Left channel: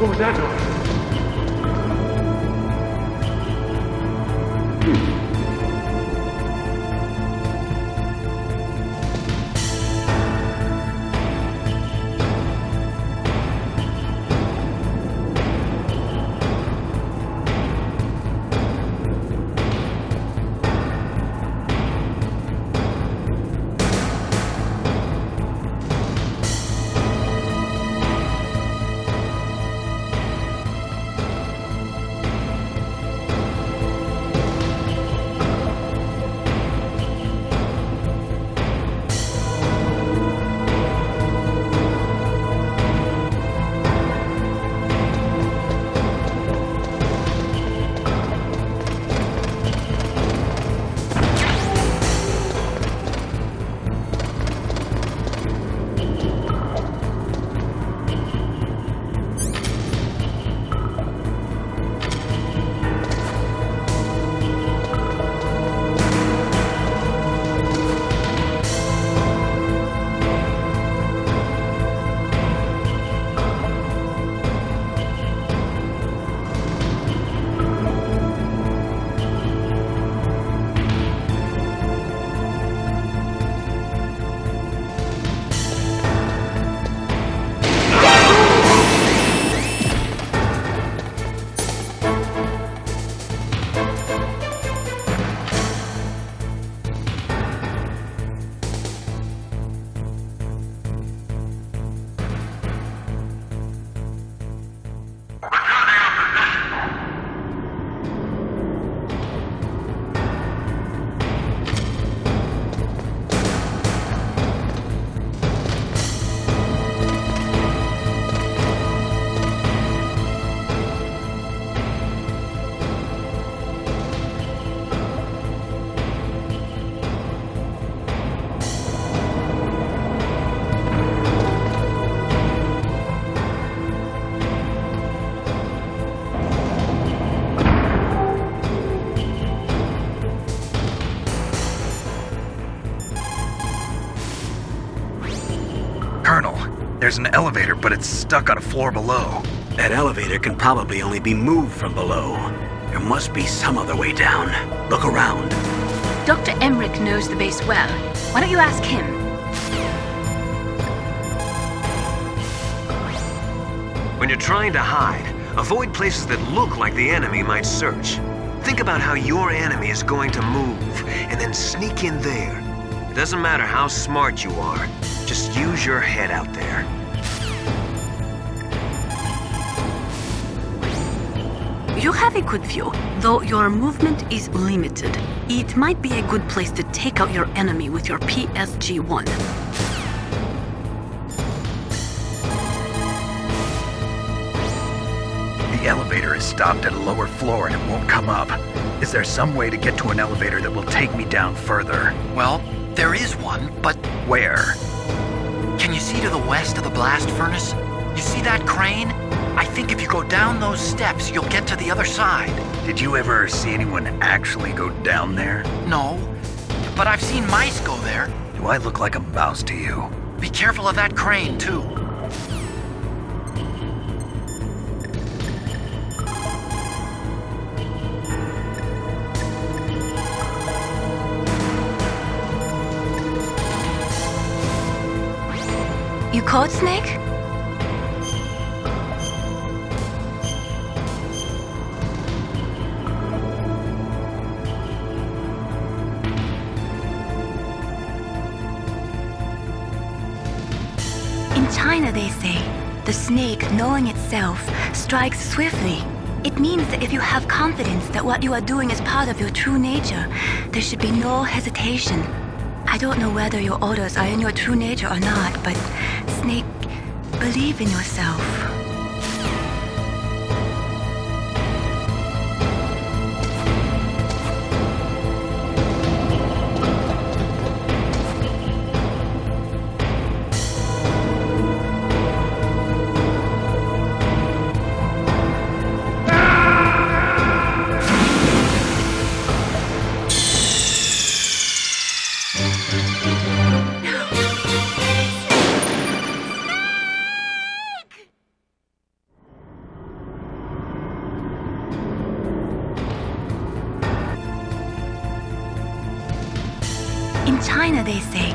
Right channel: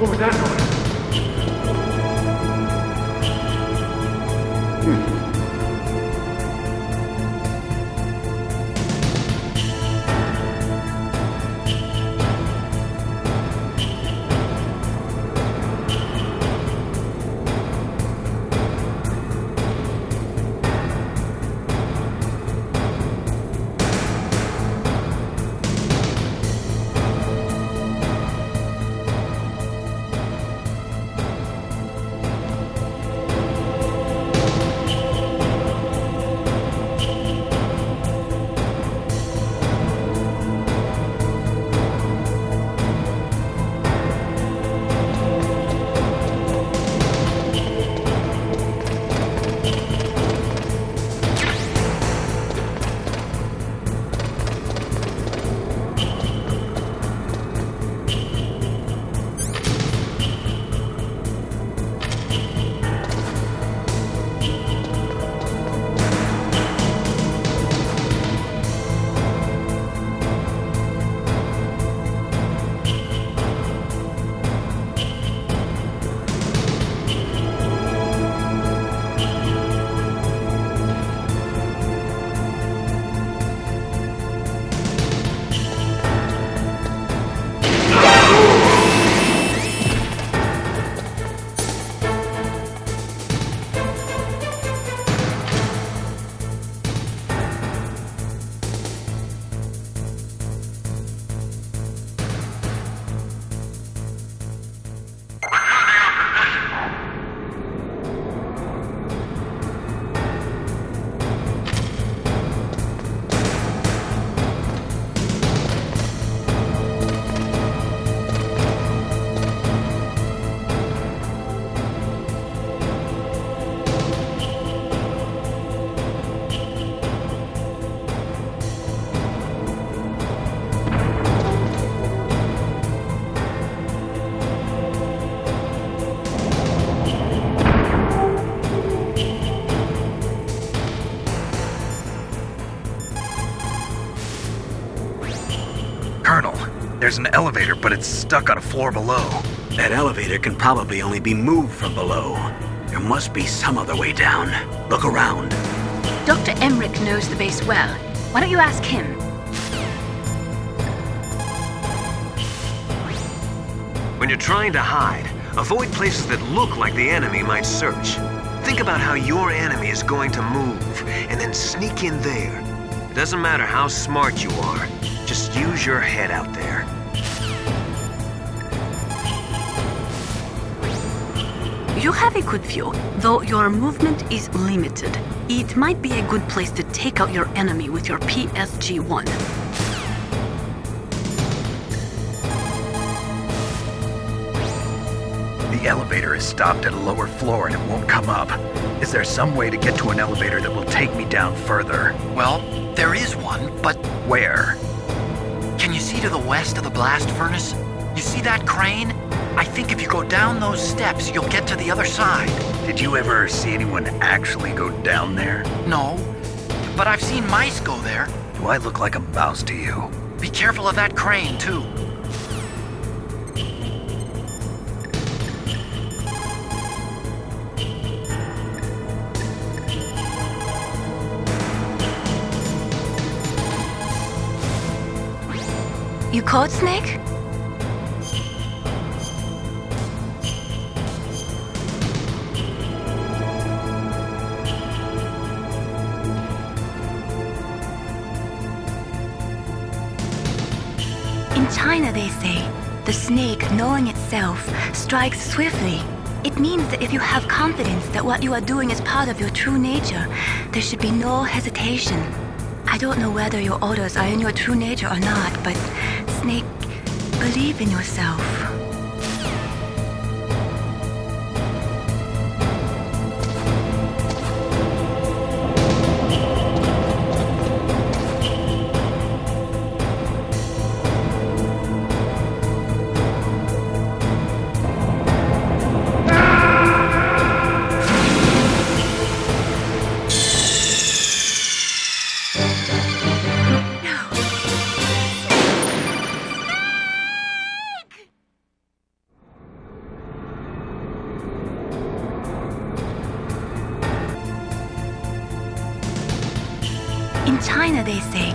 What was that noise? Colonel, there's an elevator, but it's stuck on a floor below. That elevator can probably only be moved from below. There must be some other way down. Look around. Dr. Emmerich knows the base well. Why don't you ask him? When you're trying to hide, avoid places that look like the enemy might search. Think about how your enemy is going to move, and then sneak in there. It doesn't matter how smart you are. Just use your head out there. You have a good view, though your movement is limited. It might be a good place to take out your enemy with your PSG-1. The elevator is stopped at a lower floor and it won't come up. Is there some way to get to an elevator that will take me down further? Well, there is one, but Where? can you see to the west of the blast furnace? You see that crane? I think if you go down those steps, you'll get to the other side. Did you ever see anyone actually go down there? No, but I've seen mice go there. Do I look like a mouse to you? Be careful of that crane, too. You caught Snake? In China, they say, the snake, knowing itself, strikes swiftly. It means that if you have confidence that what you are doing is part of your true nature, there should be no hesitation. I don't know whether your orders are in your true nature or not, but Snake, believe in yourself. in China, they say.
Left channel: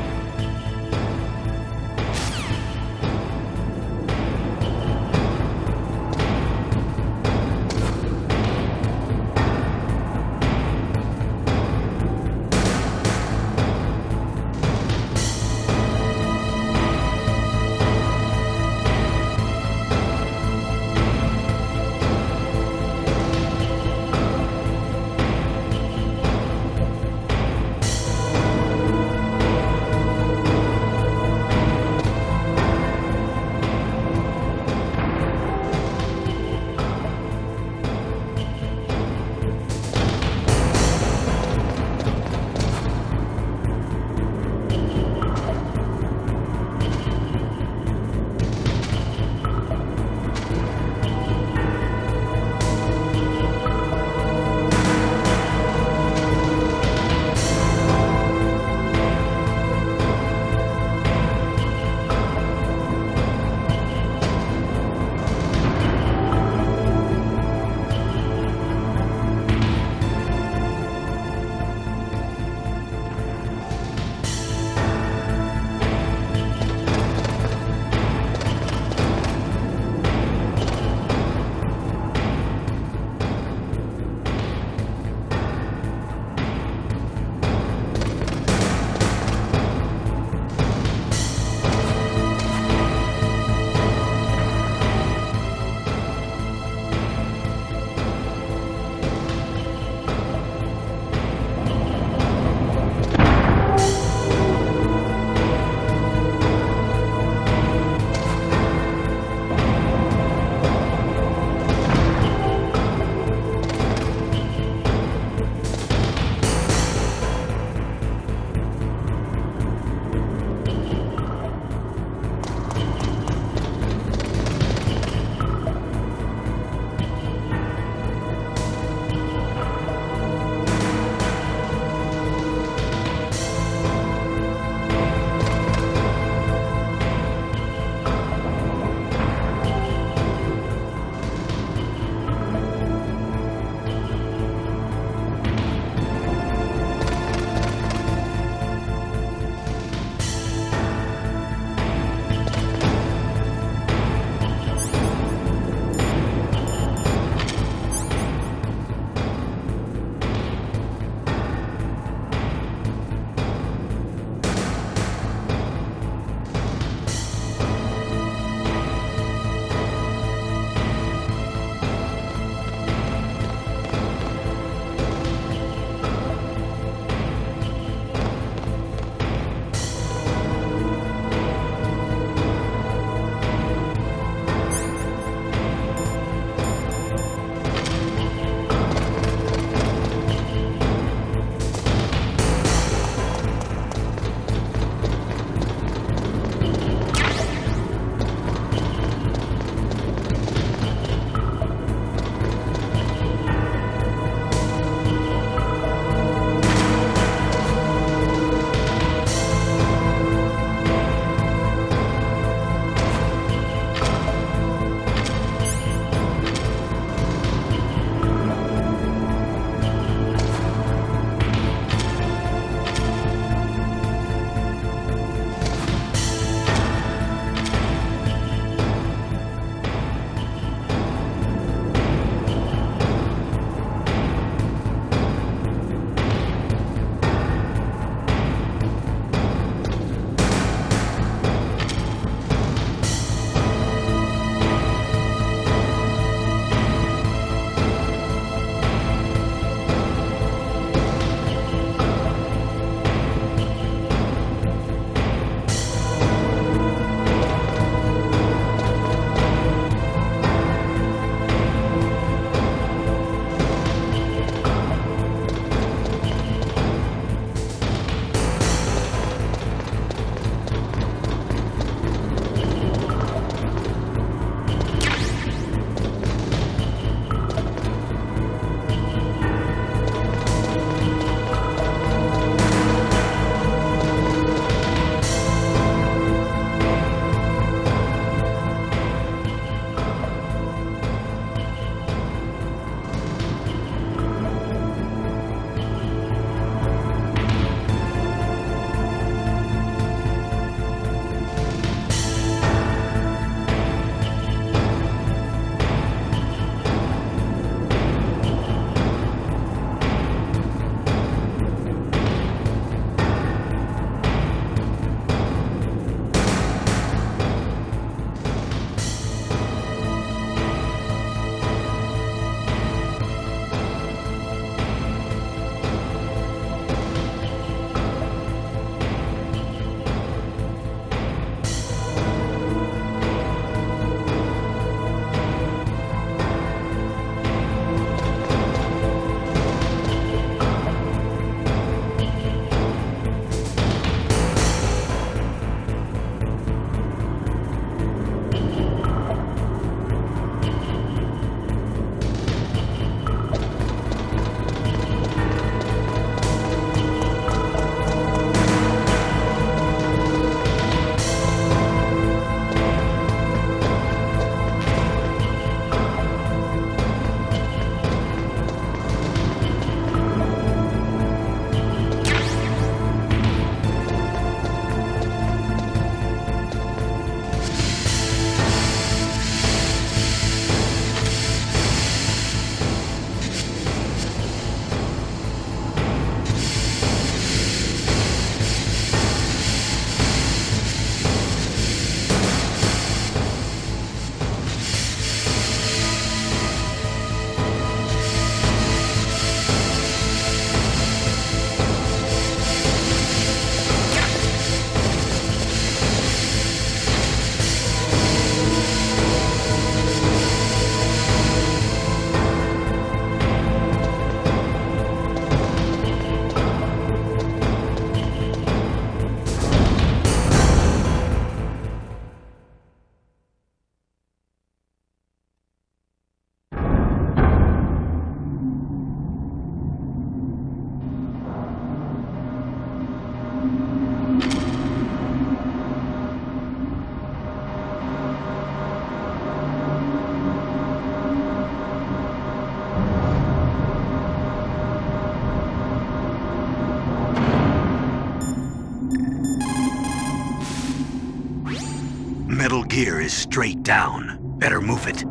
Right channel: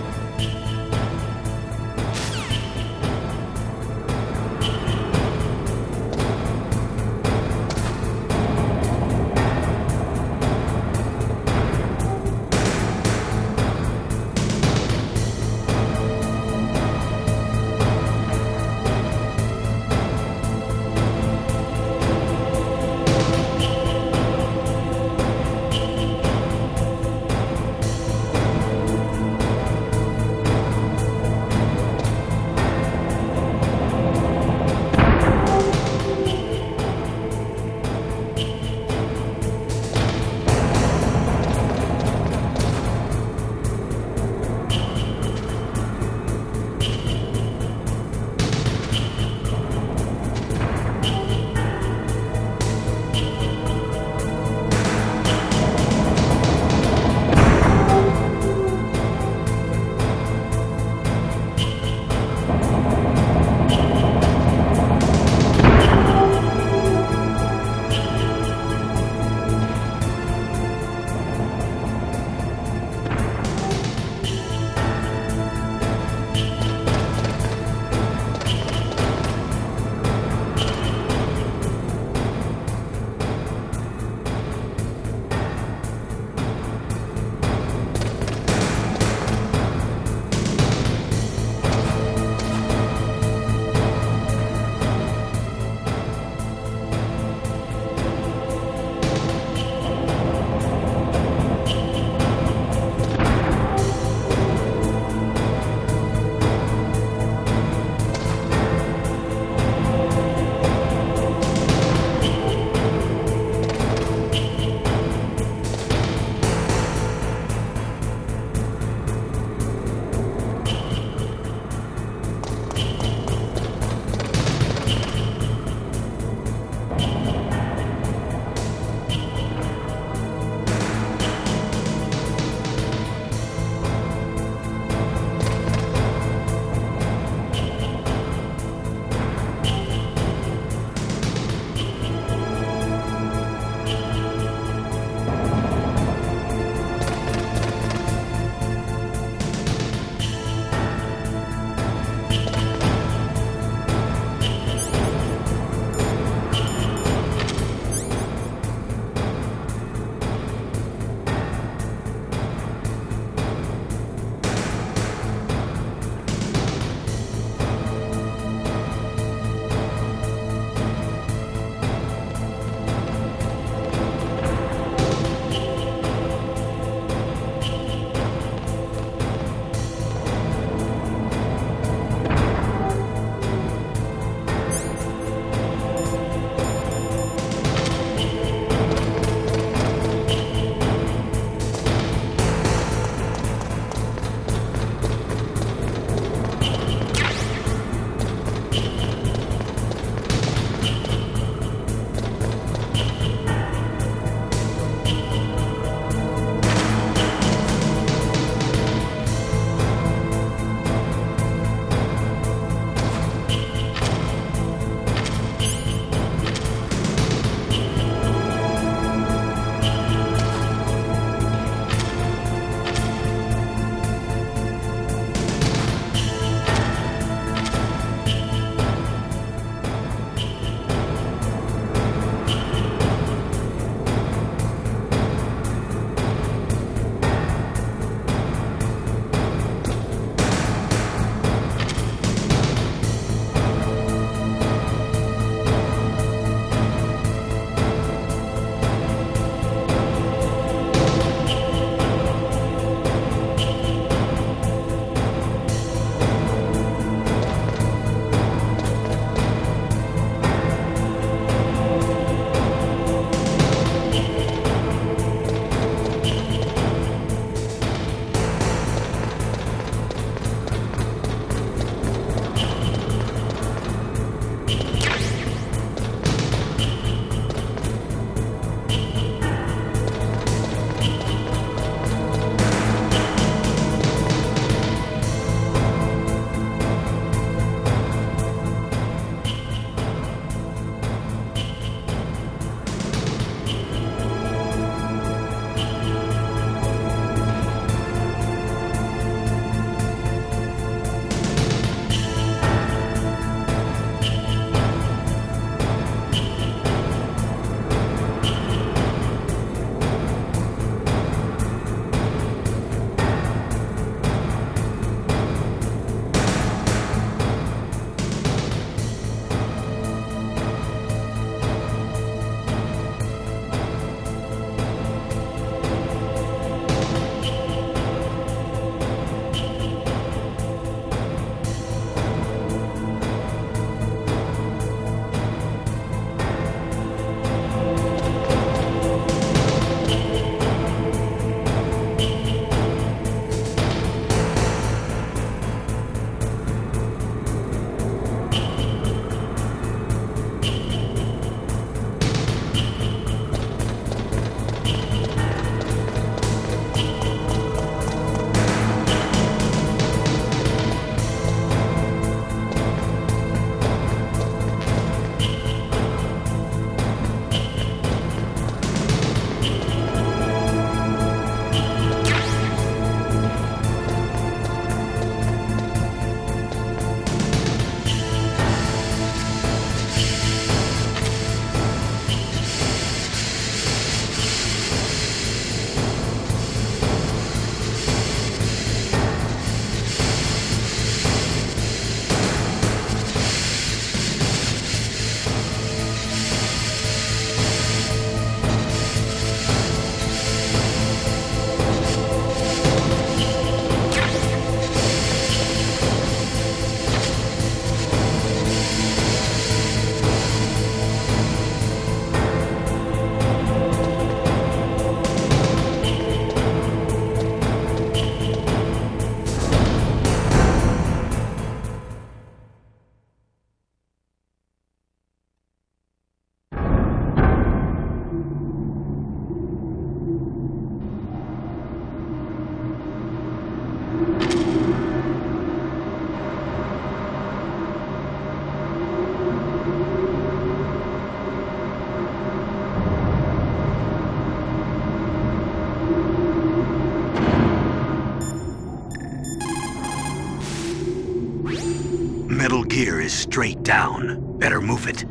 Metal Gear is straight down. Better move it.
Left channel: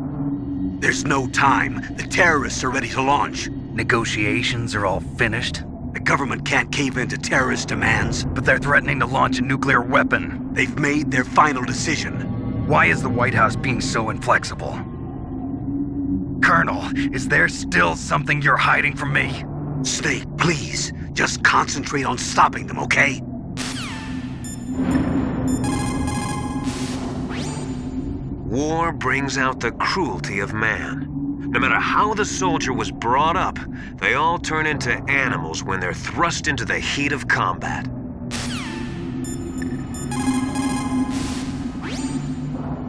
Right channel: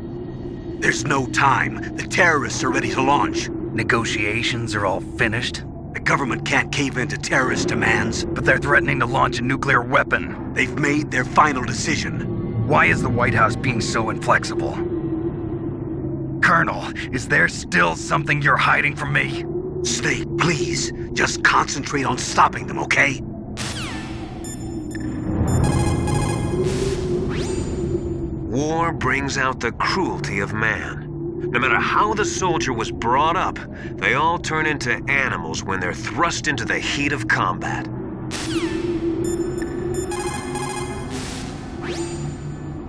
There's no time. The terrorists are ready to launch. Negotiations are all finished, The government can't cave into terrorist demands. but they're threatening to launch a nuclear weapon. They've made their final decision. Why is the White House being so inflexible? Colonel, is there still something you're hiding from me? Snake, please, just concentrate on stopping them, okay? War brings out the cruelty of man. No matter how the soldier was brought up, they all turn into animals when they're thrust into the heat of combat.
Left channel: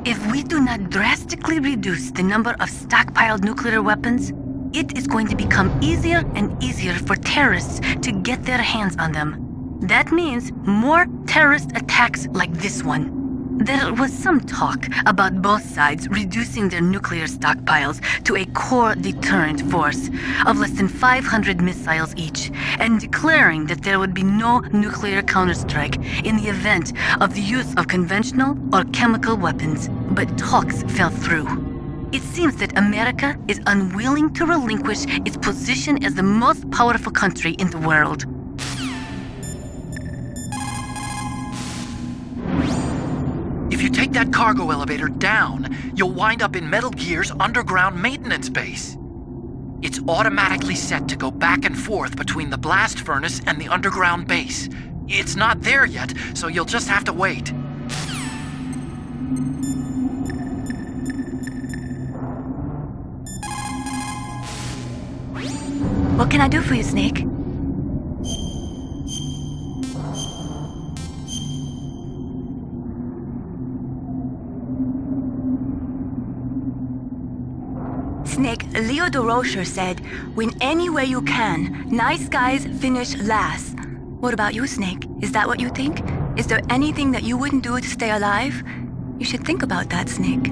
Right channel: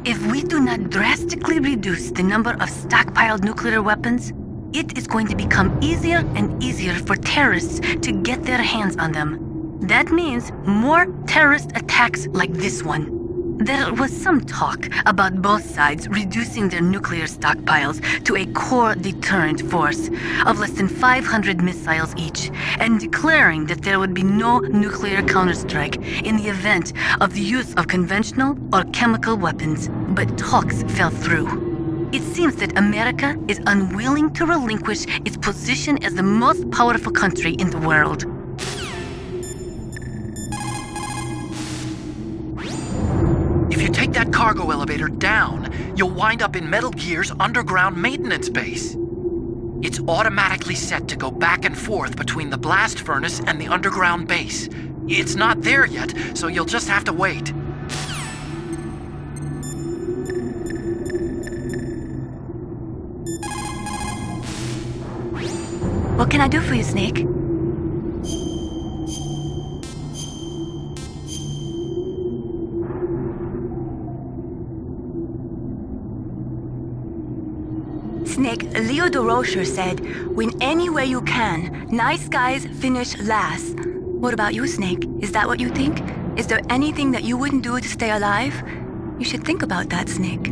If we do not drastically reduce the number of stockpiled nuclear weapons, it is going to become easier and easier for terrorists to get their hands on them. That means more terrorist attacks like this one. There was some talk about both sides reducing their nuclear stockpiles to a core deterrent force of less than 500 missiles each, and declaring that there would be no nuclear counterstrike in the event of the use of conventional or chemical weapons. But talks fell through. It seems that America is unwilling to relinquish its position as the most powerful country in the world. If you take that cargo elevator down, you'll wind up in Metal Gear's underground maintenance base. It's automatically set to go back and forth between the blast furnace and the underground base. It's not there yet, so you'll just have to wait. What can I do for you, Snake? Snake, Leo DeRocher said, win any way you can. Nice guys finish last. What about you, Snake? Is that what you think? Is there anything that you wouldn't do to stay alive? You should think about that, Snake.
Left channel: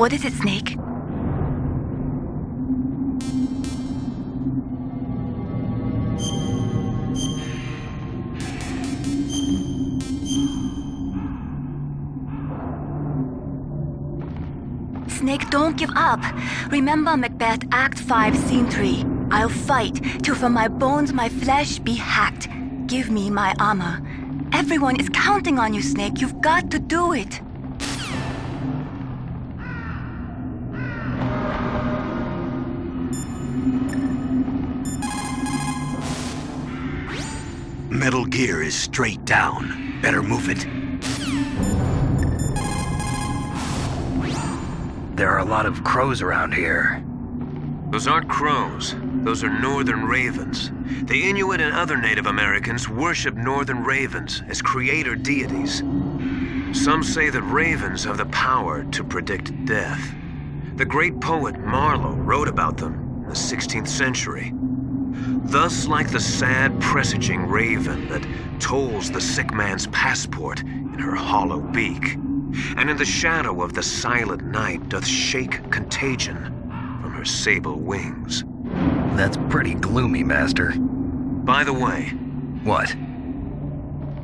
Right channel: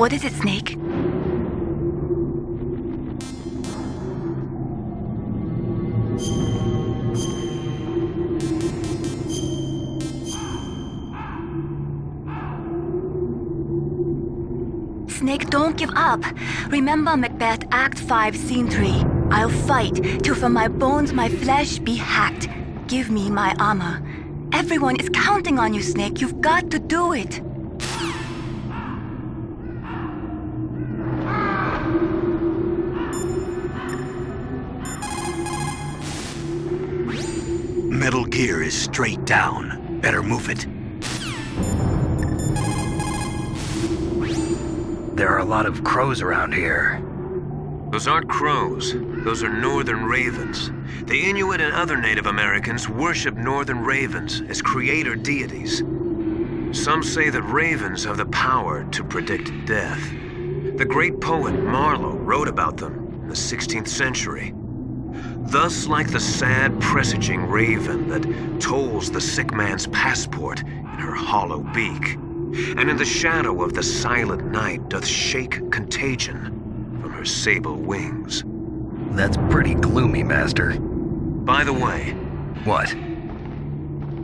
What is it, Snake? Snake, don't give up. Remember Macbeth Act 5, Scene 3. I'll fight till from my bones my flesh be hacked. Give me my armor. Everyone is counting on you, Snake. You've got to do it. Metal Gear is straight down. Better move it. There are a lot of crows around here. Those aren't crows. Those are northern ravens. The Inuit and other Native Americans worship northern ravens as creator deities. Some say that ravens have the power to predict death. The great poet Marlowe wrote about them in the 16th century. Thus, like the sad presaging raven that tolls the sick man's passport in her hollow beak, and in the shadow of the silent night doth shake contagion from her sable wings. That's pretty gloomy, Master. By the way, What?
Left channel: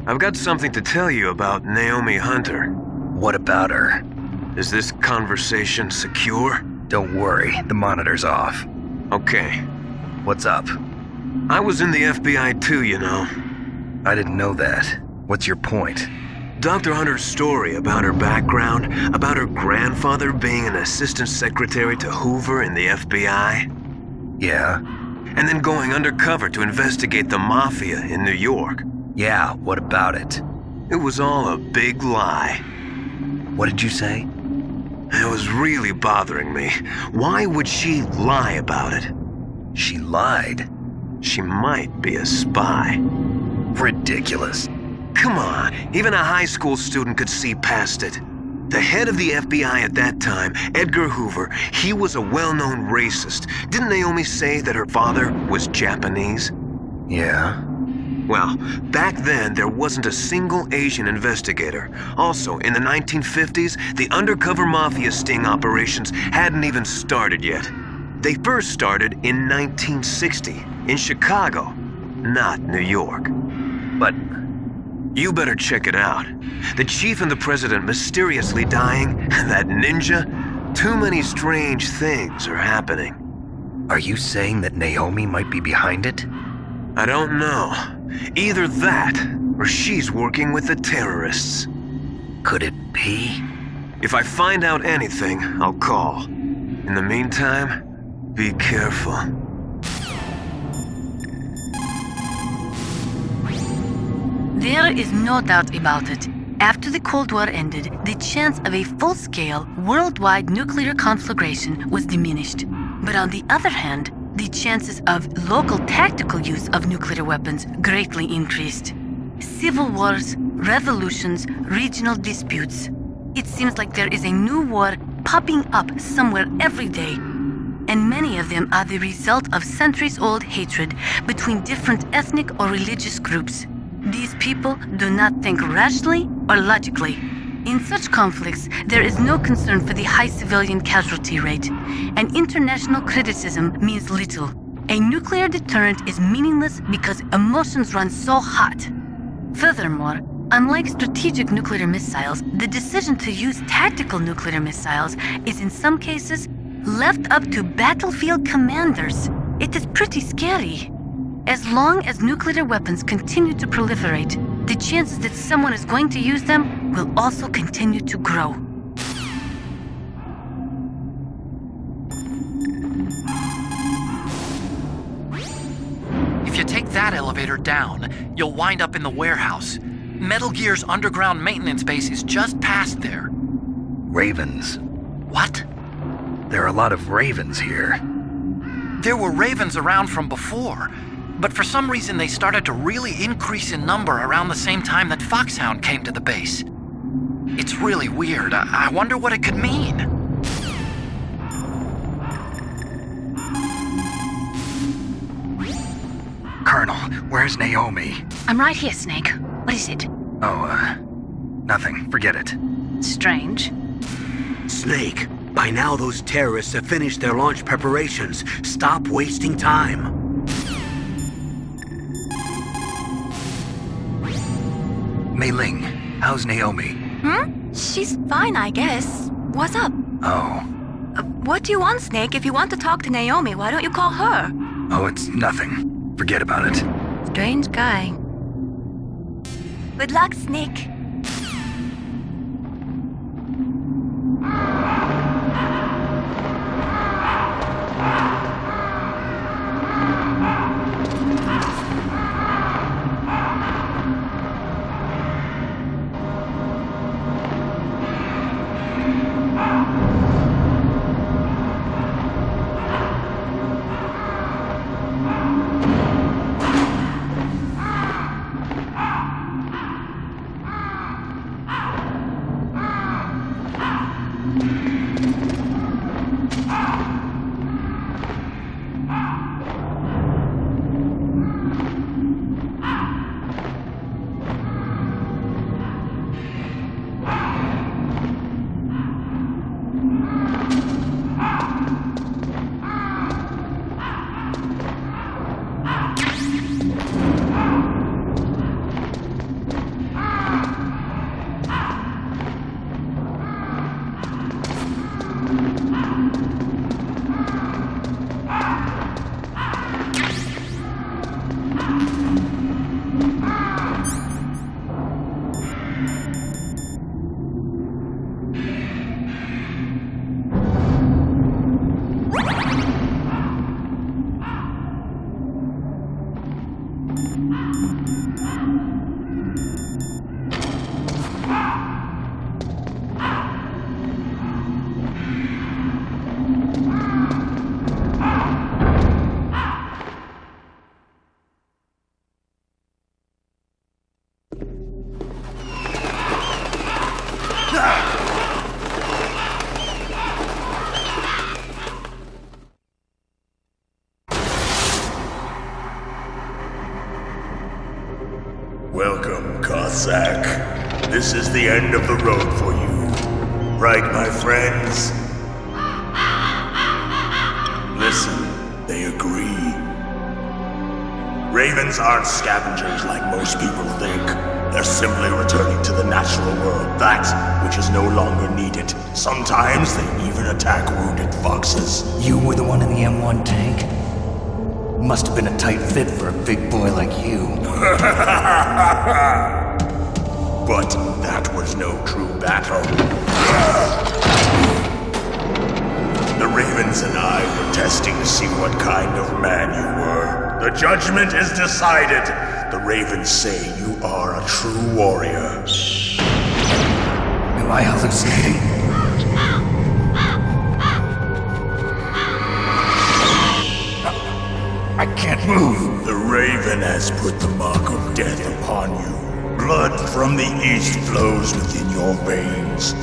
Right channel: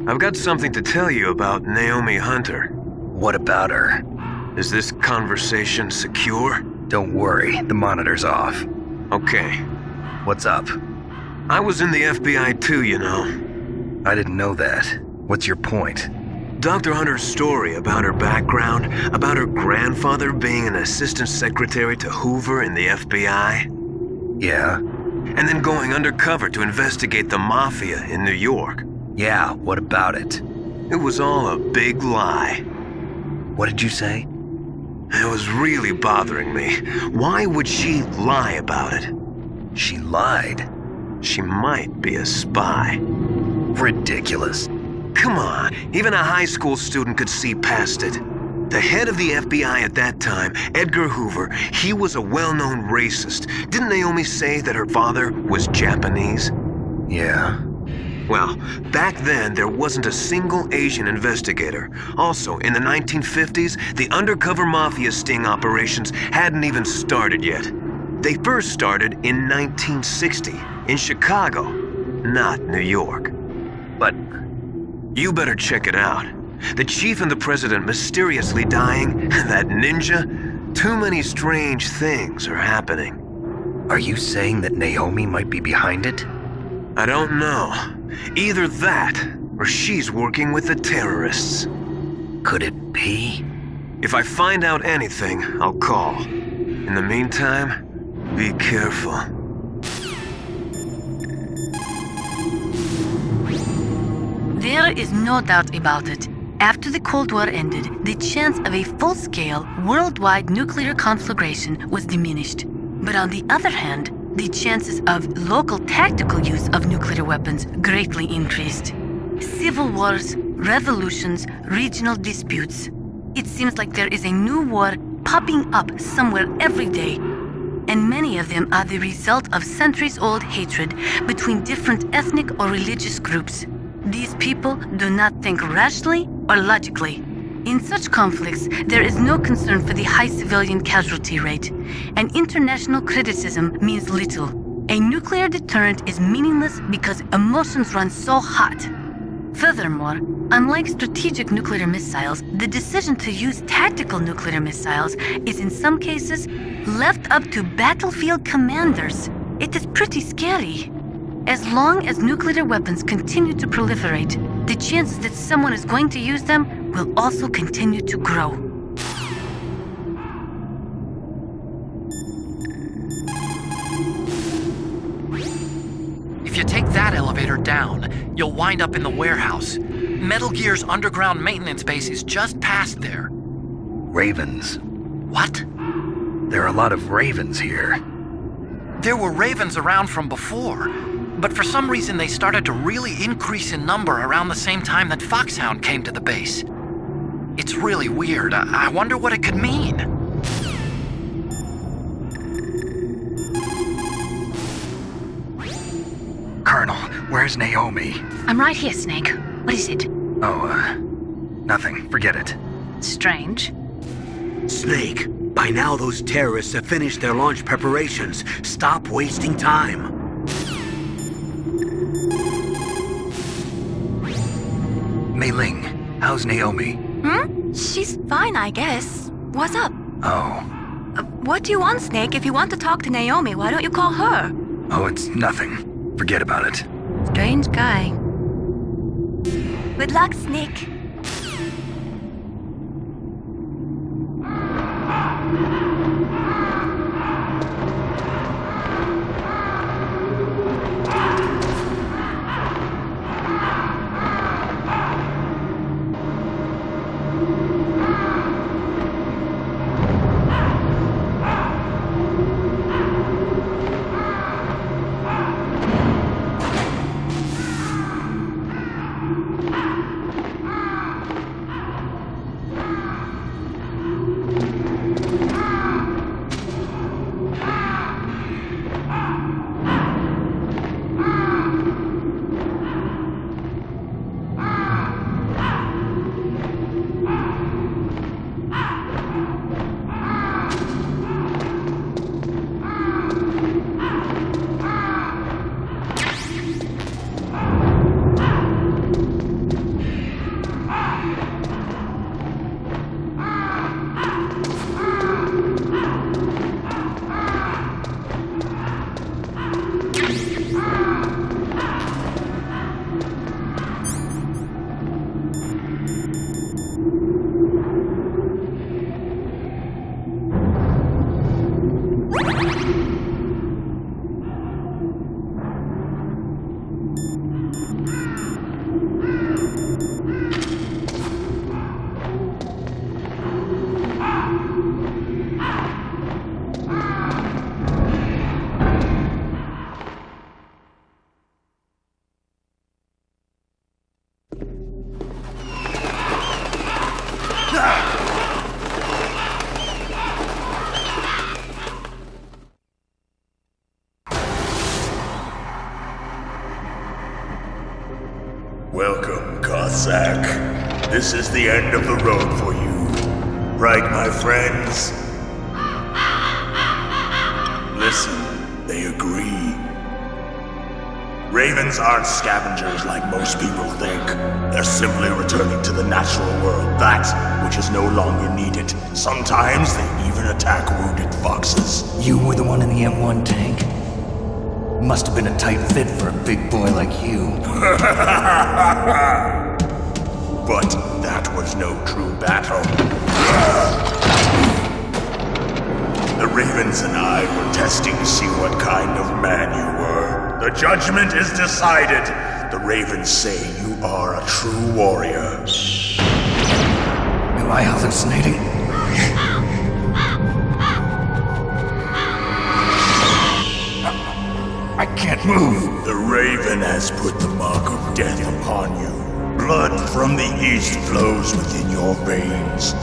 I've got something to tell you about Naomi Hunter. What about her? Is this conversation secure? Don't worry, the monitor's off. Okay. What's up? I was in the FBI too, you know. I didn't know that. What's your point? Dr. Hunter's story about her background, about her grandfather being an assistant secretary to Hoover in the FBI, Yeah? and then going undercover to investigate the mafia in New York. Yeah, what about it? It was all a big lie. What did you say? It was really bothering me. Why would she lie about it? She lied. She might be a spy. Ridiculous. Come on, even a high school student could see past it. The head of the FBI at that time, Edgar Hoover, he was a well-known racist. Didn't Naomi say that her father was Japanese? Yeah? Well, back then there wasn't a single Asian investigator. Also, in the 1950s, the undercover mafia sting operations hadn't even started yet. They first started in 1960, in Chicago, not New York. But You better check it out. The chief and the president mysteriously dying, that ninja, too many strange things are happening. are you saying that Naomi might be behind it? I don't know. Either that, or she's working with the terrorists. Could it be? If I find out anything, I'll call. In the meantime, be careful. There is no doubt about it. After the Cold War ended, the chance of a full-scale, worldwide nuclear conflagration was diminished. But on the other hand, the chances of local tactical use of nuclear weapons greatly increased. Civil wars, revolutions, regional disputes. It seems like there is a new war popping up somewhere every day. And many of them are the result of centuries-old hatred between different ethnic or religious groups. These people do not think rationally or logically. In such conflicts, there is no concern for the high civilian casualty rate, and international criticism means little. A nuclear deterrent is meaningless because emotions run so hot. Furthermore, unlike strategic nuclear missiles, the decision to use tactical nuclear missiles is in some cases left up to battlefield commanders. It is pretty scary. As long as nuclear weapons continue to proliferate, the chances that someone is going to use them will also continue to grow. If you take that elevator down, you'll wind up in the warehouse. Metal Gear's underground maintenance base is just past there. Ravens. What? There are a lot of ravens here. There were ravens around from before, but for some reason they started to really increase in number around the same time that Foxhound came to the base. It's really weird. I wonder what it could mean. Colonel, where's Naomi? I'm right here, Snake. What is it? Oh, nothing. Forget it. Strange. Snake, By now, those terrorists have finished their launch preparations. Stop wasting time. Mei Ling, how's Naomi? She's fine, I guess. What's up? Oh. What do you want, Snake? If you want to talk to Naomi, why don't you call her? Oh, it's nothing. Forget about it. Strange guy. Good luck, Snake. Welcome, Cossack. This is the end of the road for you. Right, my friends? Listen, they agree. Ravens aren't scavengers like most people think. They're simply returning to the natural world, that which is no longer needed. Sometimes they even attack wounded foxes. You were the one in the M1 tank? Must have been a tight fit for a big boy like you. But that was no true battle. The Ravens and I were testing to see what kind of man you were. The judgment is decided. The Ravens say you are a true warrior. Am I hallucinating? I can't move. The Raven has put the mark of death upon you. Blood from the east flows within your veins.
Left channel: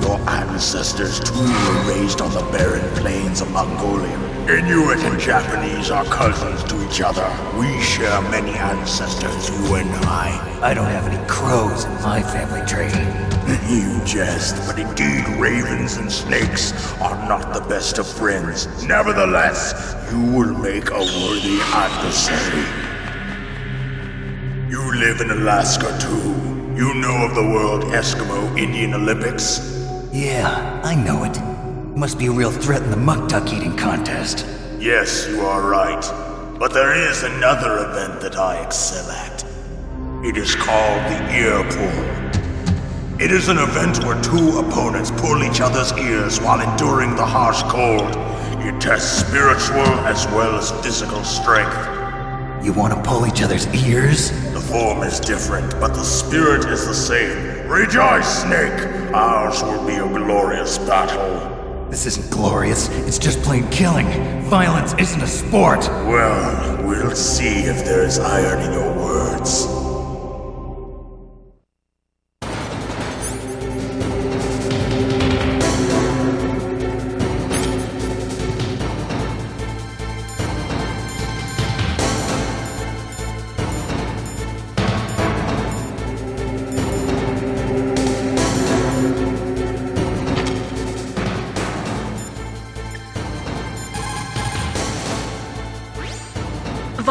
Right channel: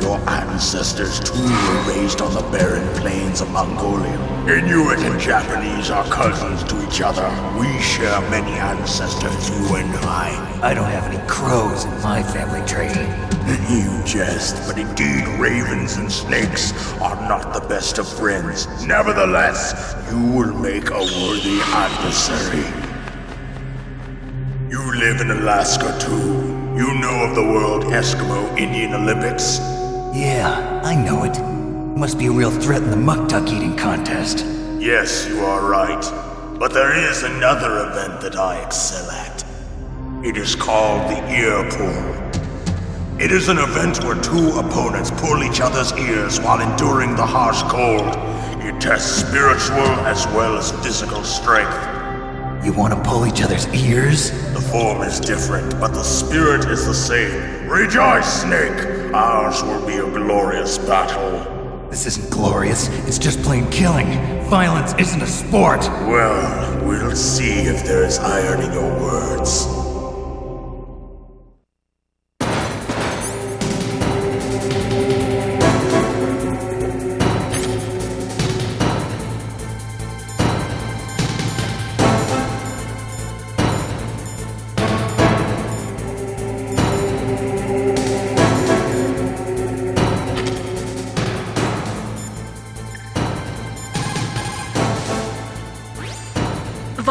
Your ancestors too were raised on the barren plains of Mongolia. Inuit and Japanese are cousins to each other. We share many ancestors, you and I. I don't have any crows in my family tree. You jest, but indeed ravens and snakes are not the best of friends. Nevertheless, you will make a worthy adversary. You live in Alaska too. You know of the World Eskimo Indian Olympics? Yeah, I know it. Must be a real threat in the muck duck eating contest. Yes, you are right. But there is another event that I excel at. It is called the ear pull. It is an event where two opponents pull each other's ears while enduring the harsh cold. It tests spiritual as well as physical strength. You want to pull each other's ears? The form is different, but the spirit is the same. Rejoice, Snake! Ours will be a glorious battle. This isn't glorious, it's just plain killing. Violence isn't a sport. Well, we'll see if there's iron in your words.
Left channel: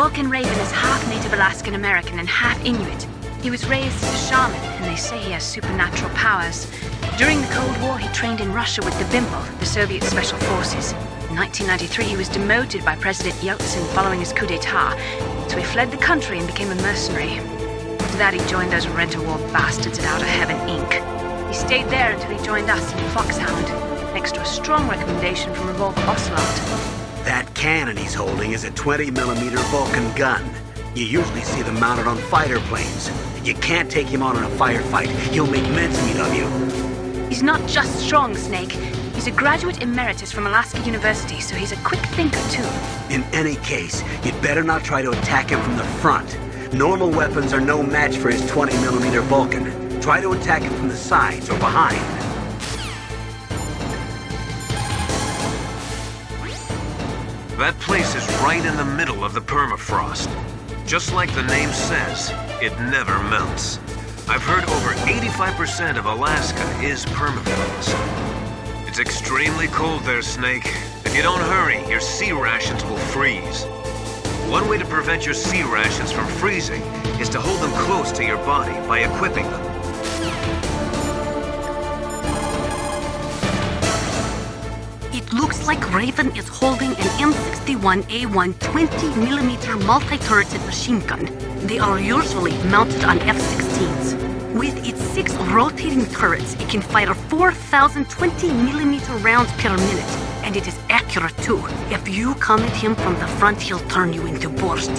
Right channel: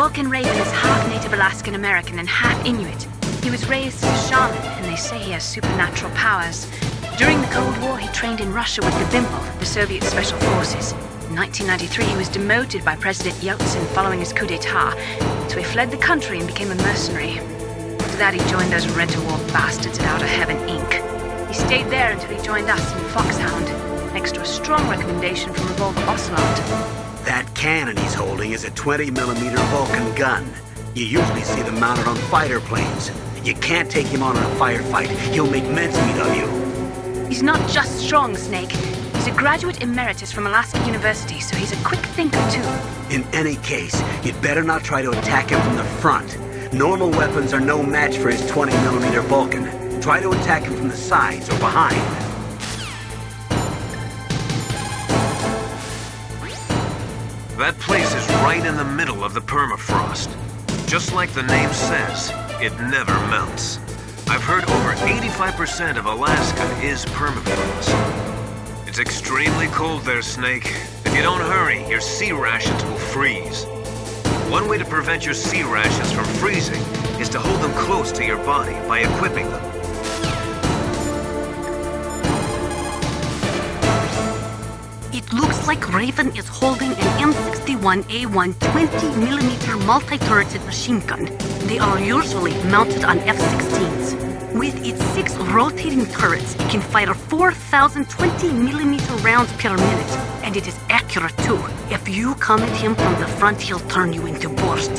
Vulcan Raven is half Native Alaskan American and half Inuit. He was raised as a shaman, and they say he has supernatural powers. During the Cold War, he trained in Russia with the Bimple, the Soviet Special Forces. In 1993, he was demoted by President Yeltsin following his coup d'etat, so he fled the country and became a mercenary. After that, he joined those Rent-A-War bastards at Outer Heaven, Inc. He stayed there until he joined us in Foxhound, next to a strong recommendation from Revolver Ocelot. That cannon he's holding is a 20mm Vulcan gun. You usually see them mounted on fighter planes. You can't take him on in a firefight. He'll make mincemeat of you. He's not just strong, Snake. He's a graduate emeritus from Alaska University, so he's a quick thinker, too. In any case, you'd better not try to attack him from the front. Normal weapons are no match for his 20mm Vulcan. Try to attack him from the sides or behind. That place is right in the middle of the permafrost. Just like the name says, it never melts. I've heard over 85% of Alaska is permafrost. It's extremely cold there, Snake. If you don't hurry, your sea rations will freeze. One way to prevent your sea rations from freezing is to hold them close to your body by equipping them. It looks like Raven is holding an M61A1 20mm multi-turreted machine gun. They are usually mounted on F-16s. With its 6 rotating turrets, it can fire 4,000 20mm rounds per minute. And it is accurate too. If you come at him from the front, he'll turn you into borscht.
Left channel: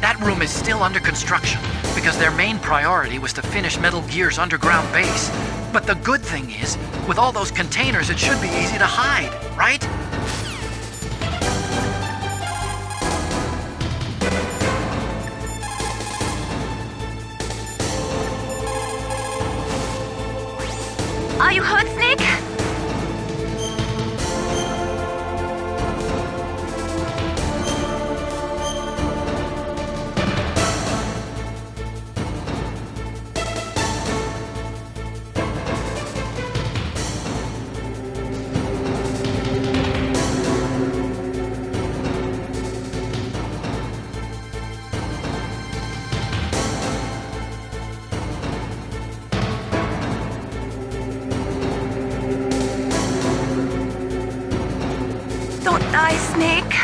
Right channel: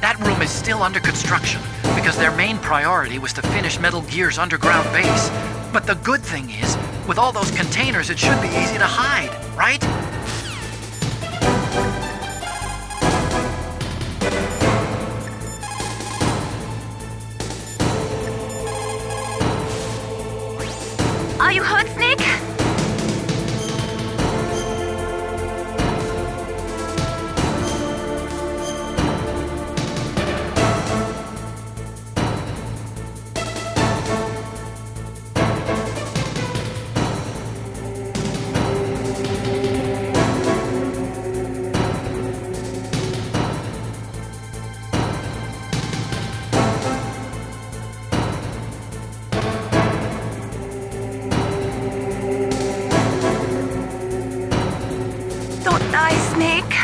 That room is still under construction because their main priority was to finish Metal Gear's underground base. But the good thing is, with all those containers, it should be easy to hide, right? Are you hurt, Snake? Don't die, Snake.